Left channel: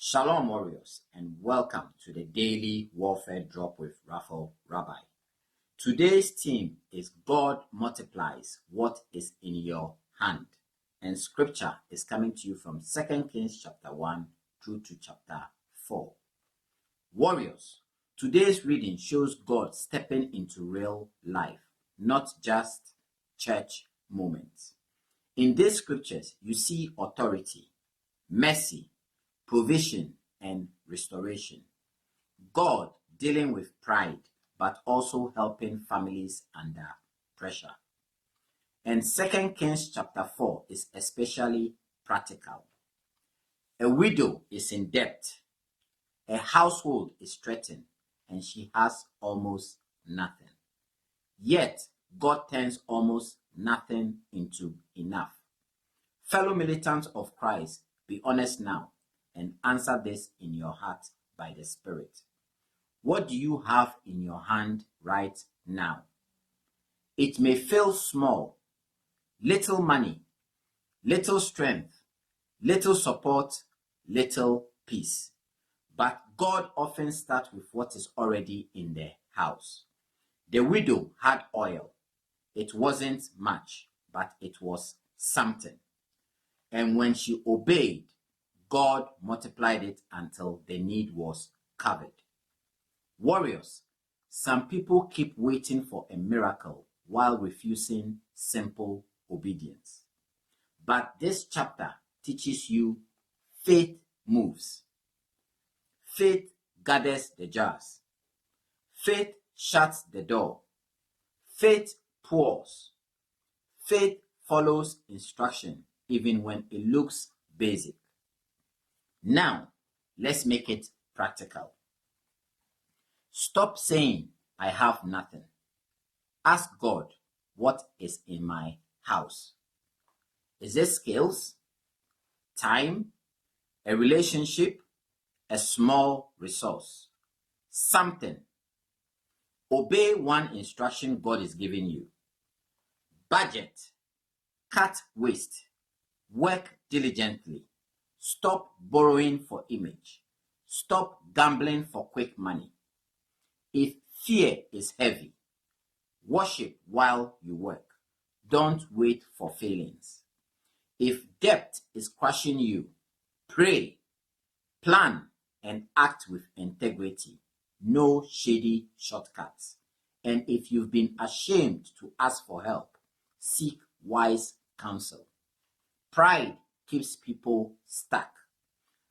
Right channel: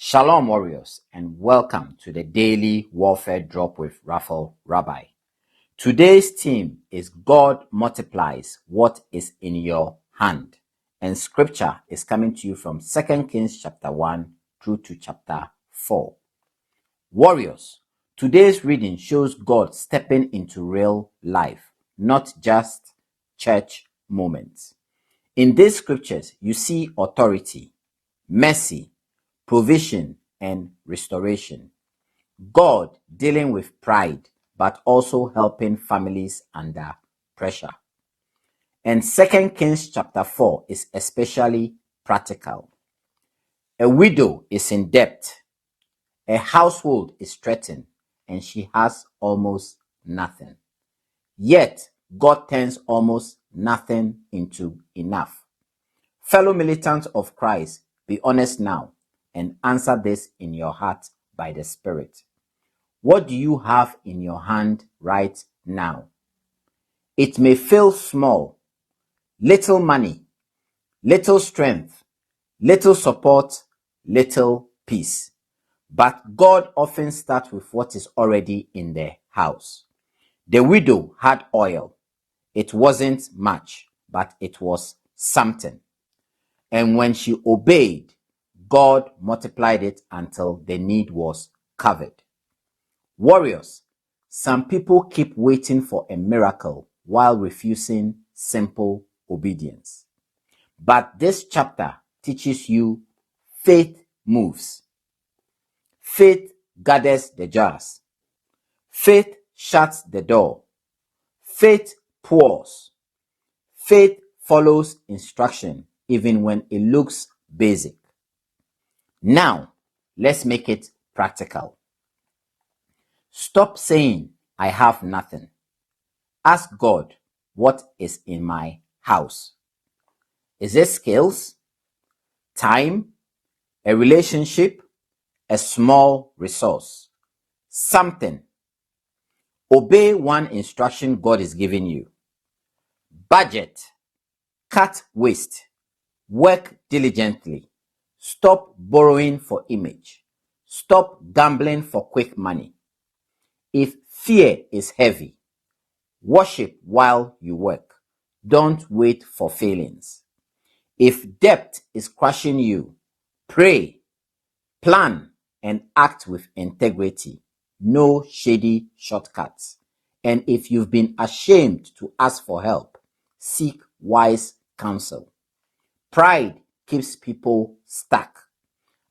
Shalom, warriors, and welcome to the Daily Warfare Drop with Raphael Rabbi. Today's theme is God multiplies what is in your hand, and scripture is coming to you from 2 Kings chapter 1 through to chapter 4. Warriors, today's reading shows God stepping into real life, not just church moments. In these scriptures, you see authority, mercy, provision, and restoration. God dealing with pride, but also helping families under pressure. And 2 Kings chapter 4 is especially practical. A widow is in debt, a household is threatened, and she has almost nothing. Yet, God turns almost nothing into enough. Fellow militants of Christ, be honest now and answer this in your heart by the Spirit. What do you have in your hand right now? It may feel small, little money, little strength, little support, little peace. But God often starts with what is already in the house. The widow had oil. It wasn't much, but it was something. And when she obeyed, God multiplied it until the need was covered. Warriors, some people keep waiting for a miracle while refusing simple obedience. But this chapter teaches you faith moves. Faith gathers the jars. Faith shuts the door. Faith pours. Faith follows instruction even when it looks basic. Now, let's make it practical. Stop saying, I have nothing. Ask God, what is in my house? Is it skills, time, a relationship, a small resource, something? Obey one instruction God is giving you. Budget, cut waste, work diligently. Stop borrowing for image. Stop gambling for quick money. If fear is heavy, worship while you work. Don't wait for failings. If debt is crushing you, pray, plan, and act with integrity. No shady shortcuts. And if you've been ashamed to ask for help, seek wise counsel. Pride keeps people stuck.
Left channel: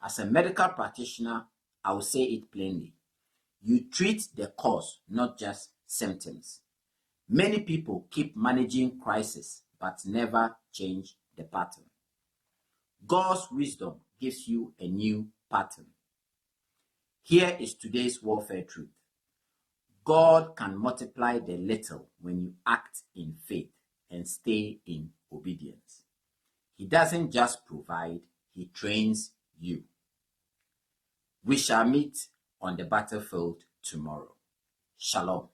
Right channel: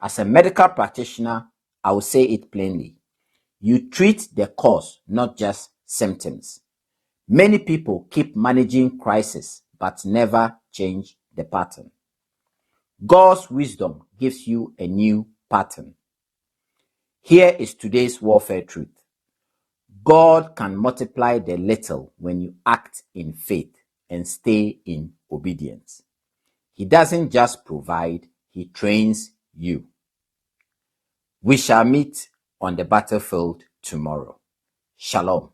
As a medical practitioner, I will say it plainly. You treat the cause, not just symptoms. Many people keep managing crisis, but never change the pattern. God's wisdom gives you a new pattern. Here is today's warfare truth. God can multiply the little when you act in faith and stay in obedience. He doesn't just provide, he trains you. We shall meet on the battlefield tomorrow. Shalom.